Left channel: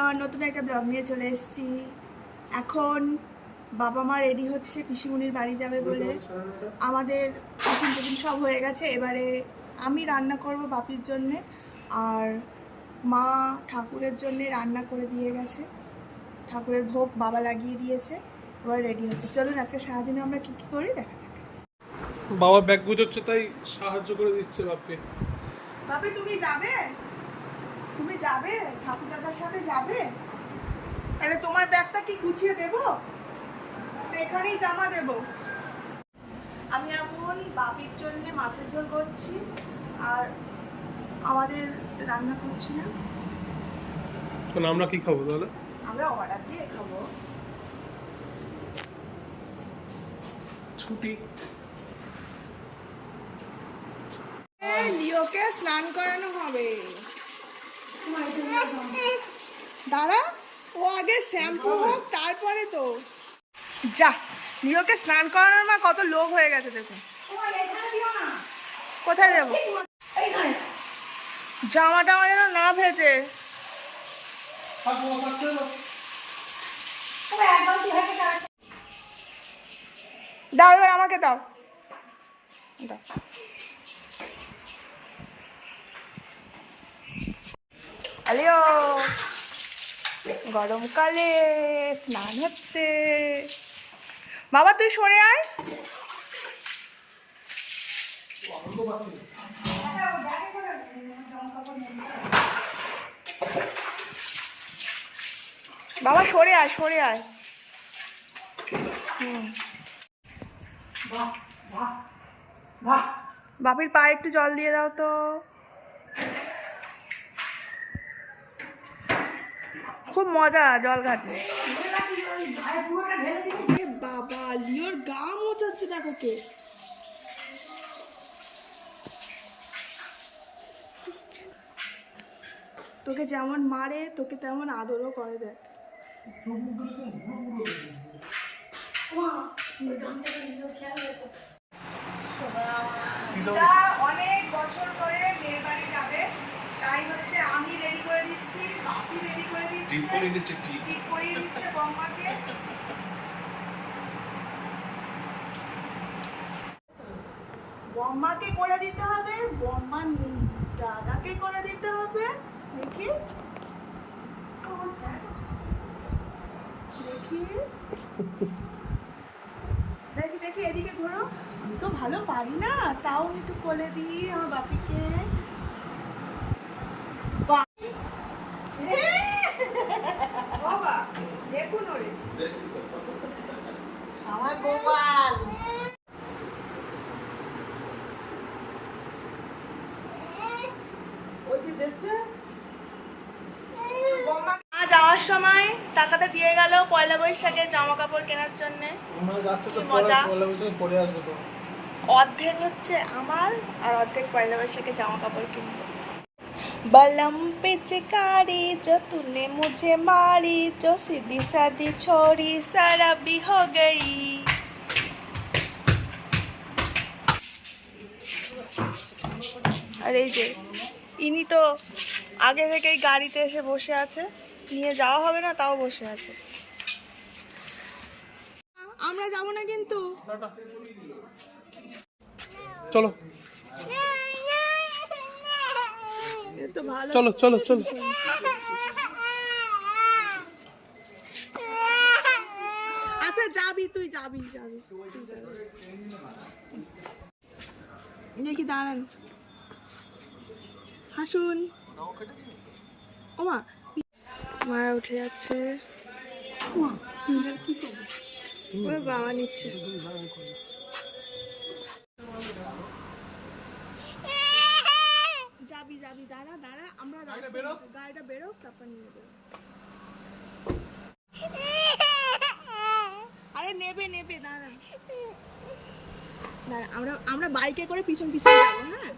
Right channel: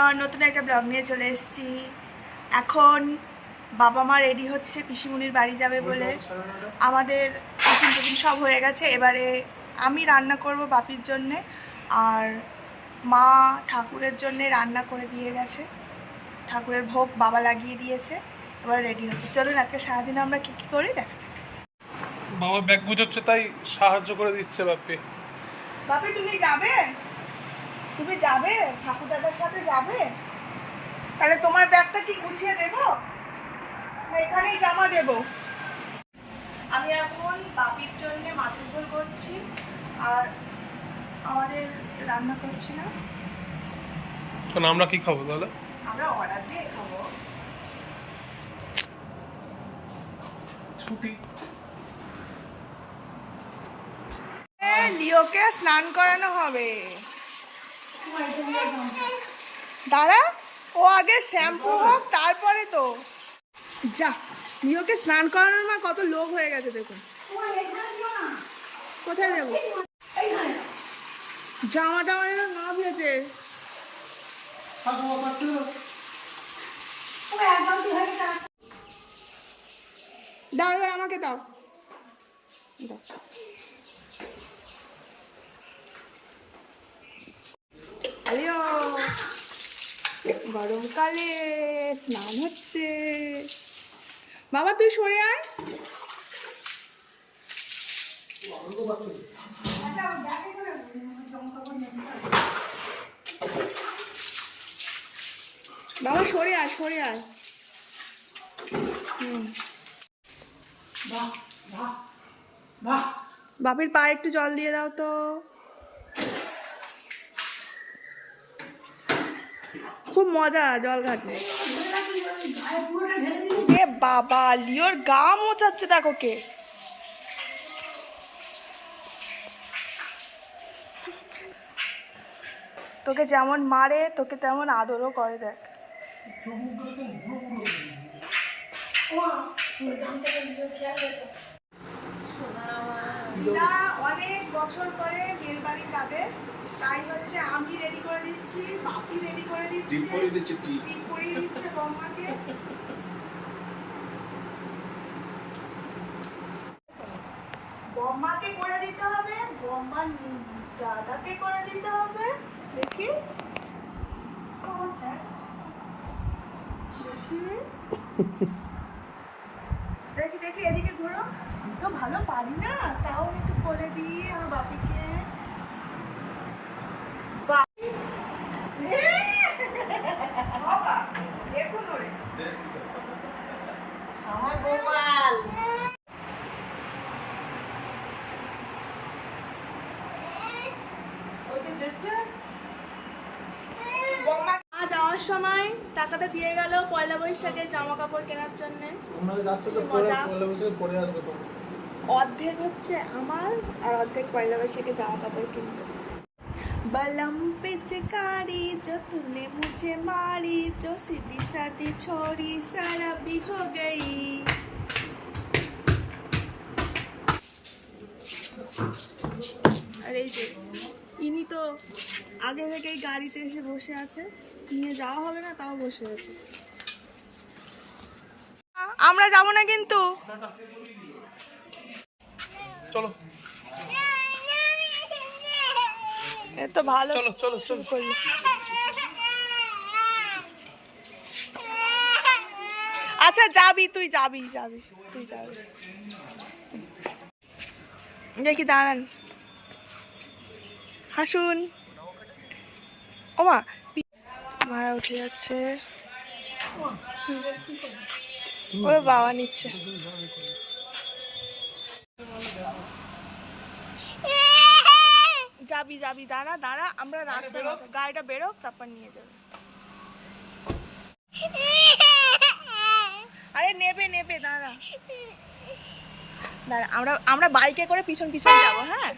Everyone নতুন একটা blog নিয়ে চলে এসেছি। এখন বাবা মা রেডি হচ্ছে পিসিমুনির বাড়ি যাবে বলে। আমাদের টিফিন টিফিন সব হয়ে গেছে। এবারে আমি রান্না করব বাপির জন্যে আর মা ঠাকুরের জন্যে রান্না করে দিয়ে গেছে। ঠাকুরের ভোগ বাবা লাগিয়ে দিয়েছে এবার রেডি হচ্ছে। চলুন আজকে সারাদিন আমরা কী কী করি দেখা যাক। বাবা ব্যাগ গুছোচ্ছে তাই সাহায্য করে দিচ্ছে বাপি বাপি তুমি যাবে? তুমি যাবে? ঠাকুর দাদার সাথে যাবে? তাহলে তোমার ব্যাগটা কি গুছিয়ে দেব? এখানেই জামা দেব। আমি এখন বাপির জন্য মাছের ঝোল করছি আর আমাদের রান্না করছি না। কারণ আমরা কি খাব তাহলে? আমরা অর্ডার দিয়ে খাব। ছুটি। লিওকে স্নান করানো হবে। দাঁড়া, ও আগে শ্যাম্পু হোক, তারপরে তো। যা লিওকে স্নান করানোর মা কত লোভ হয়ে গেছে, দেখুন। কোথায় দেবো জামা টামা যেন না ভেজে। দাও, এবার আমাকে দাও। দাও। আলিও গরমকালে স্নান হচ্ছে। বাবা, তুই সরে আয়। বাবা, সরে আয় সরে আয়। বাপির পায়ে একটু জল দিয়ে দাও তো। খুব মজা জল ঘাটে এ বাবা, লিওর গা মোচাচ্ছে দেখো কে। তোকে যেমন মারে, তোকে তেমন আদরও করে, দেখ। অনেক বছর পরে মেয়ের বাড়ি যাবে। তাই হচ্ছে আমি রেডি করে দিচ্ছি বাপি রেডি করে দিচ্ছে টিপ পরিয়ে দিচ্ছে, টিপ। টিপ পরিয়ে দিচ্ছে বৌমাকে। বম্মাকে করে দিতে হবে বম্মার দাদাকে করে দিতে হবে দেখি। দেখি। দেখি দেখি এদিকে ঘুরো। আমি তো ভালো পারি না। তাও আমি একটু বলে দিই আমার বাপিকে। যাওয়ার সময় টাকাটা দিয়ে গেল পয়লা বৈশাখে জামা কাপড় কেনার জন্য। কি মজা। পরে আসবে তো। অর্ধেক হচ্ছে আমার আর অর্ধেক পয়লা বৈশাখে জামা কাপড় কিনবো बलम पे चिकारी जो तूने मुझे मारी जो सीधी सादी छोड़ी सारा भी हो गई আর এই যে ইনি তো আগে থেকেই গাড়িতে এসে বসে আছে নিয়ে যাওয়া হবে না তাও বসে আছে আমরা যাব না কিন্তু চলো। তো ভালো। চলো চলো চলো। আচ্ছা যাবি তুই যাবি যাবি তুই যাবি। দেখি দাঁড়ান। হাসুন। ওমা মারা উঠে যাচ্ছে। ওর বাবা নিচ্ছে। যাবি যাবি দাঁড়া দাঁড়া আমরা রাস্তা গাড়িটা বেরোক তারপর নিয়ে যাবে। আরে নেবে নেবে দাঁড়া। দাঁড়া আমরা আমরা বাইকে করে পিছন পিছন যাব হ্যাঁ?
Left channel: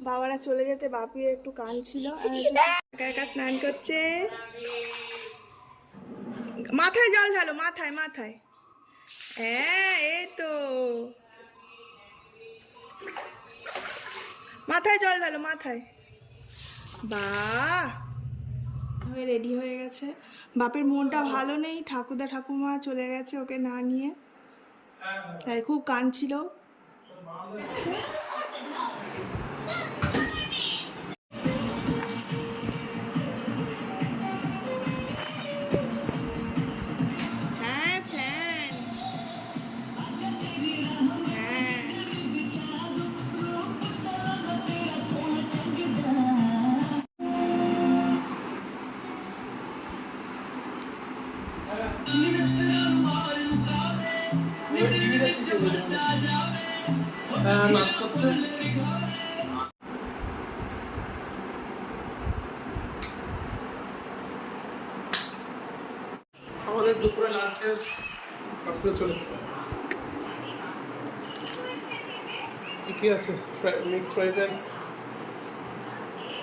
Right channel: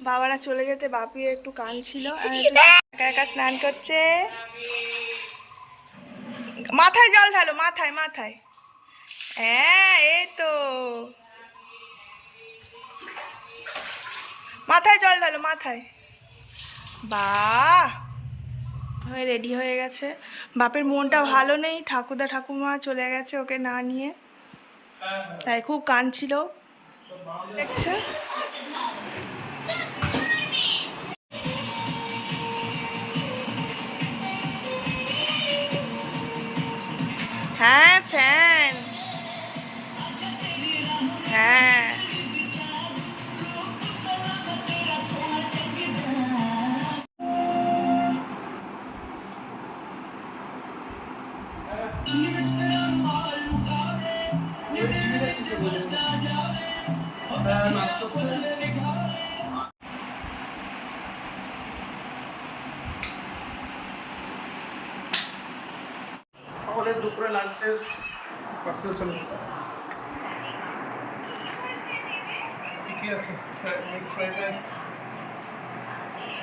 বাবারা চলে যেতে বাপি একটু কান ছিল একা একা স্নান করছে। মাথায় জল ঢালো মাথায় মাথায়। হ্যাঁ এই তো। মাথায় জল ঢালো, মাথায়। বাহ হয়ে রেডি হয়ে গেছে। বাপের মনটা ভালো নেই, ঠাকুরদা ঠাকুমা চলে গেছে ওকে না নিয়ে। তাই খুব কাঁদছিল। দেখছে? হ্যাঁ আমাদের দুপুরে লাঞ্চের পার্সেল চলে এসেছে। কি কি আছে? মিক্স ফ্রাইড রাইস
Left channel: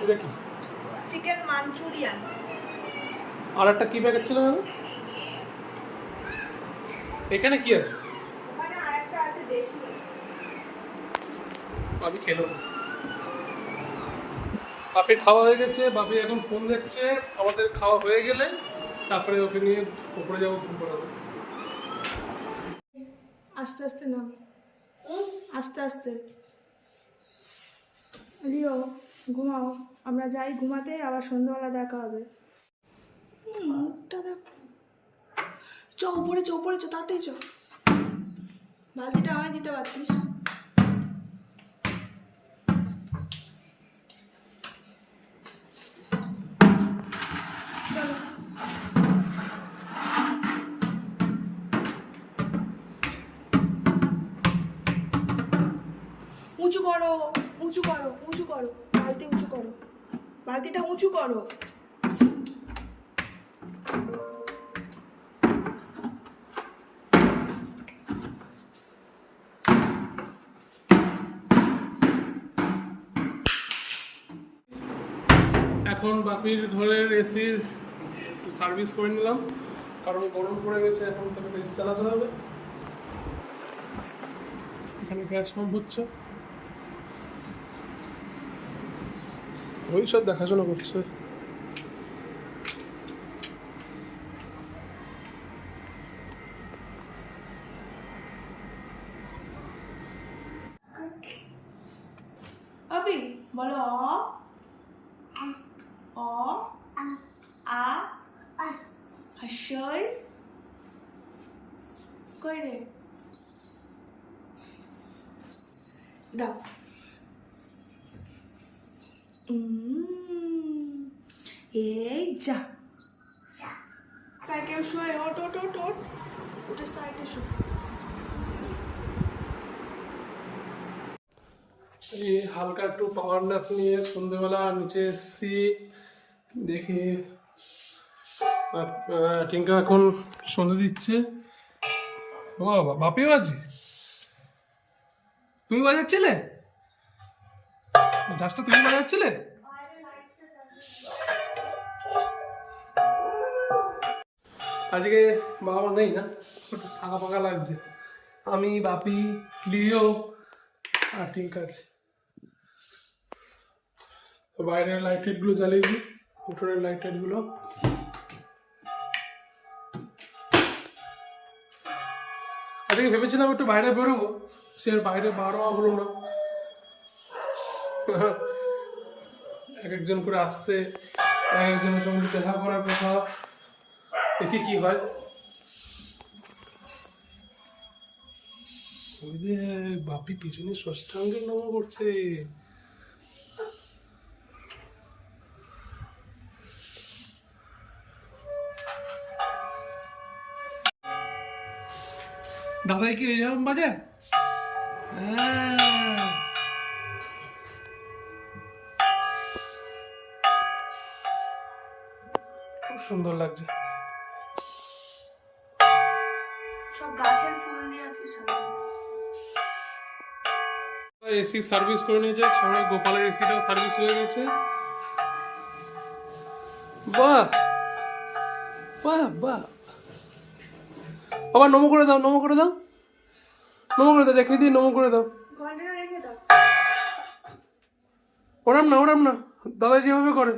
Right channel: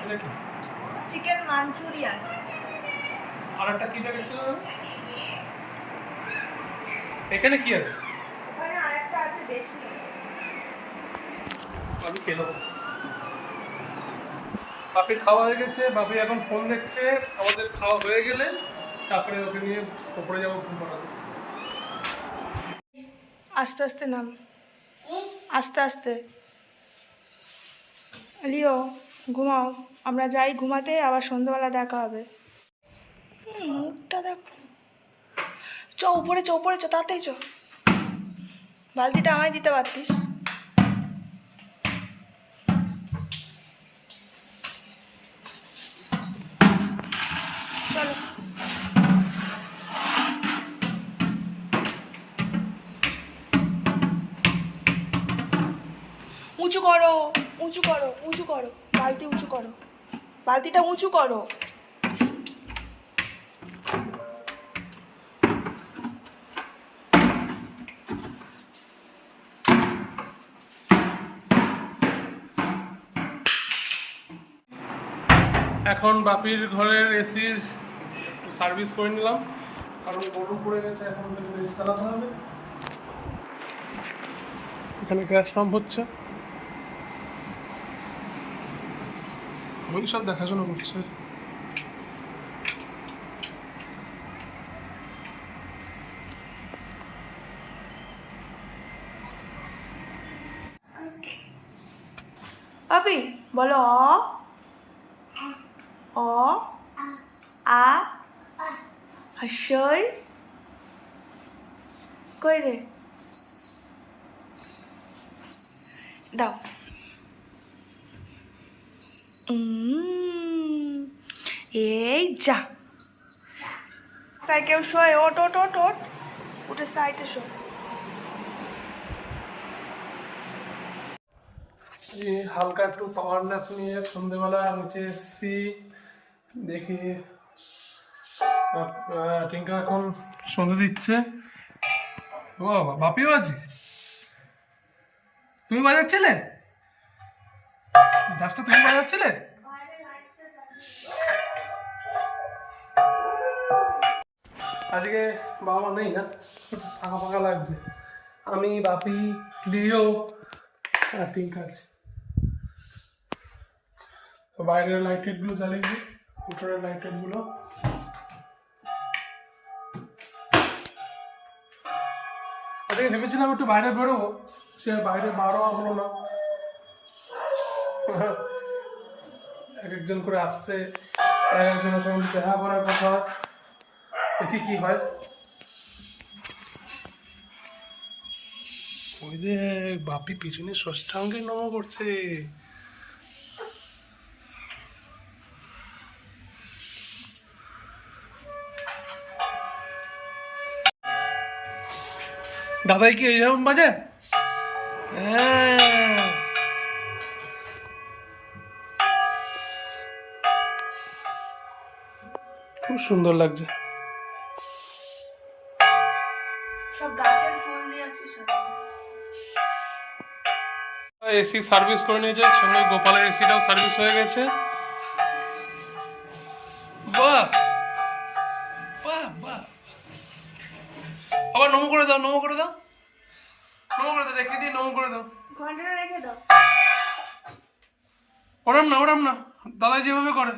এটা কি? চিকেন মাঞ্চুরিয়ান আর একটা কি প্যাকেট ছিল এখানে কি আছে? আমি খেয়ে নেব। বাপির খাওয়া হয়ে গেছে বাপি এখন ফোন দেখছে আমাদের খাওয়া হয়ে গেলে তারপরে ওকে নিয়ে ওপরে যাব ফোন করাবো আস্তে আস্তে নাম। আস্তে আস্তে। লিও, ঘুমাও। আমরা যাই ঘুমাতে, আবার সন্ধ্যাবেলা দেখা হবে। মুখটা দেখো। চ, উপরে চ উপরে চ তাতেই চ। বালতিটা আমায় দিতে পারতিস? উঁচু করো উঁচু করো উঁচু করো, বালতি উঁচু করো। বালতিটা উঁচু করো। এখন বাপির ঘরের এসির একটু সার্ভিস করে নিলাম, কারণ গরম পড়ে গেছে, এখন তাকে এসি চালাতে হবে। এখানে গ্যাস পাম্প হচ্ছে। ওই সব দেখাশোনা করছে। বলো অ। অ আ হাস্যই। কই রে? দাও। এই যা। তাই কেউ শোয় ওট ওট ওট ওট উঠে সাইডে শো। এই হালকা একটু পাওয়ার ন্যাপ নিয়ে সন্ধেবেলা নিচে এসেছি। দেখি আপ- টিঙ্কা এখন সন্ধে দিচ্ছে। ও বাবা বাপিও আছিস? তুমি বাজাচ্ছিলে? জাস্টটা তুমি বাজাচ্ছিলে? আজকে বাবা মা নেই না একটু ফাঁকা ফাঁকা লাগছে। আমি, বাপি, লিও আর ঠিক আছে। বাইরের লাইট টাইটগুলো জ্বালিয়ে দিই, উঠোনের লাইট টাইটগুলো আজকে ভেবেছিলাম একটু বাইরে বেরোবো, সে বাইরে বারো হলো না। এক একজন করে আসছে, এক একজনের সঙ্গে দেখা করার কথা। দেখি কি হয়। ওই বাপি পিছনে ষষ্ঠাঙ্গে নম করছে। দাদাই কি এইরকম বাজে? হ্যাঁ। সুন্দর লাগছে। এসি সার্ভিস করে নিয়েছে সঙ্গে গোপালের এসিটাও সার্ভিস হয়ে গেছে। বাহ! বাহ বাহ। আবার নমো করে দাও নমো করে দাও। নমো করে দাও দেখিয়ে দিই নমো করে দাও। ওরাম না ওরাম না। দাদা যেভাবে করে।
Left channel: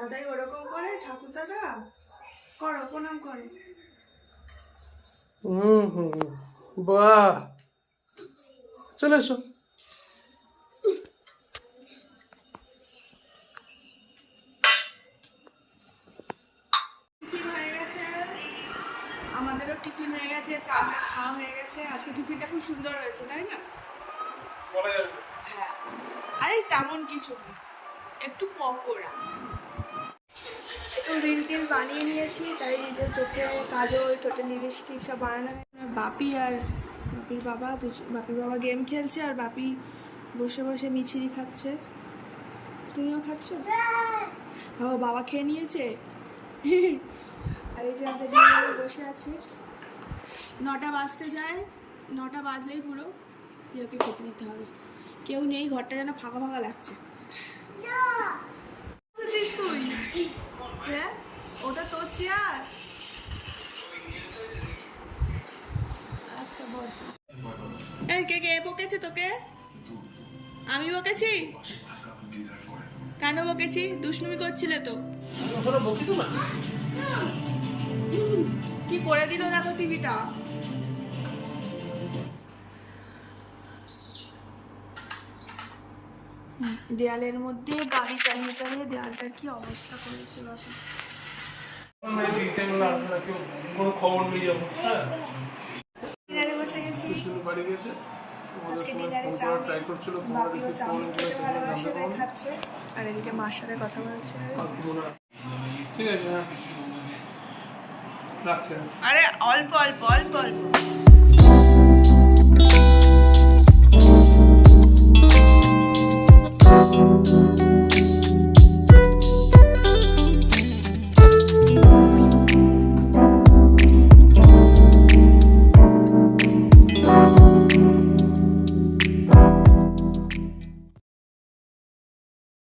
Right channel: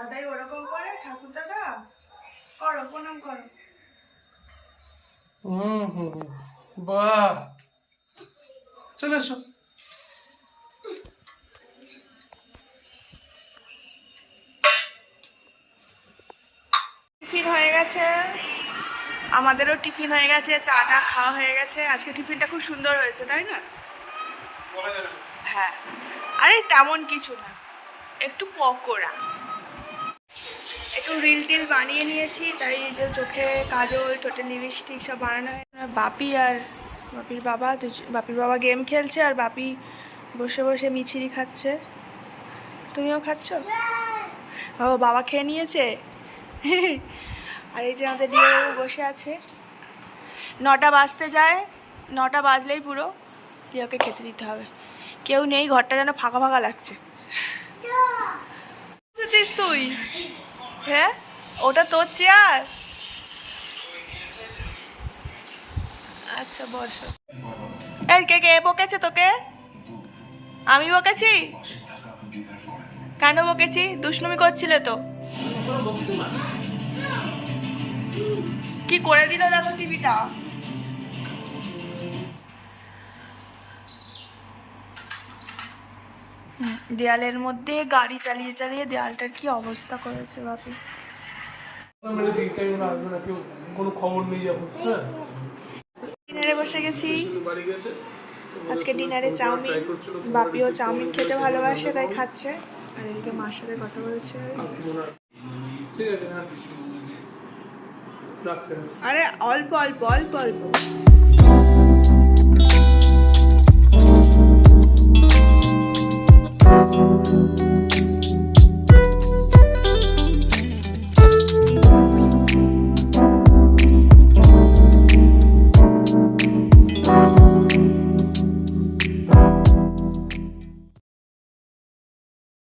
দাদাই ওরকম করে ঠাকুর দাদা করো প্রণাম করো। হুম হুম বাহ। চলে এসো। টিফিন হয়ে গেছে। আমাদেরও টিফিন হয়ে গেছে চাটা খাওয়া হয়ে গেছে। আজকে টিফিনটা খুব সুন্দর হয়েছে তাই না? না। হ্যাঁ। আরে তেমন কিছু না। একটু পকোড়া। একটু রিল টিল বানিয়ে নিয়েছি, তাই যে চোখে কাজল, ঠোঁটে লিপস্টিক সব বানানো হয় বাপি আর বাপির বাবা বাপির বাবা গেম খেলছে আর বাপি বসে বসে মিছিরি খাচ্ছে। তুমিও খাচ্ছ? ও, বাবা খেয়ে নিয়েছে? আর এই যে আমাদের দিয়ে বসে আছে। নটা বাজতে যায়, নটা বাজলেই পুরো প্রিয়াকে খেতে দিতে হবে। কেউ নেই, ঘরটা যেন ফাঁকা ফাঁকা লাগছে। তুই। হ্যাঁ ওটা তোর চেয়ার আচ্ছা বসো। এই, কে কে, বকেছে তোকে? আমি বকেছি? কেন বকেছি? দুষ্ণুমি করছিলে তো। কি করে দিল দেখো টিভিটা দেয়ালের মধ্যে গাড়ি চালিয়ে চালিয়ে দেয়ালটার কি অবস্থা করেছে বাপু ডিনারে বসে গেছি। আজকে ডিনারে চাউমিন। বাপিও চাউমিন খেতে ভালোবাসে, তাই খাচ্ছে। আর এদিকে মার সাথে কথা বলছে। আরে অল্প অল্প অল্প অল্প।